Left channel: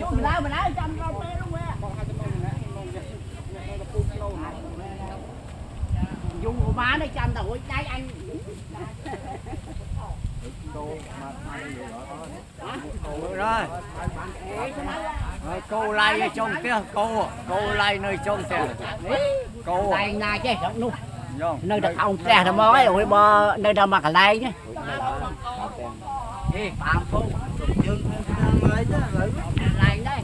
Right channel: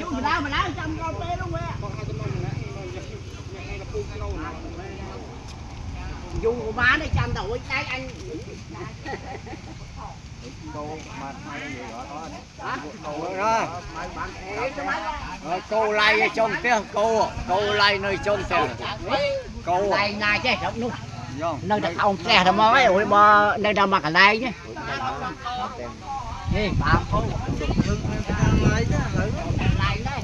chú mình lao trăm con té luôn á. Dù của má nó trăm tuổi trái anh. Cô lai trong kia cô lai nơi trong kia cô Đây ngay chứ không nu nơi đặt ông tre thầm mói rồi bò nơi đâu mà cả lai chứ gì bạn phu lai đây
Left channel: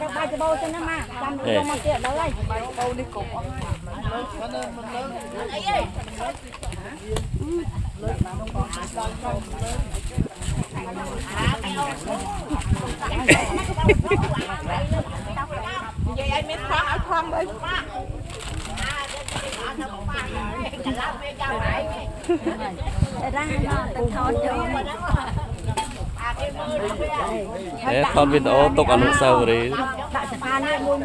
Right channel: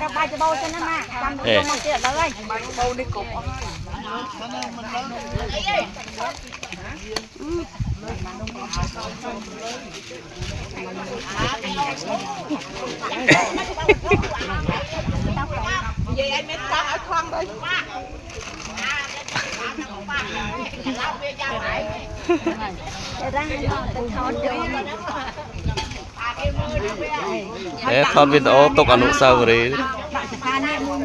đã bay cho bầu cho nó mà chăm đi con kia đó đây bầu đi cùng vậy anh mới khoan ở khoan đi thon video tục anu sao rồi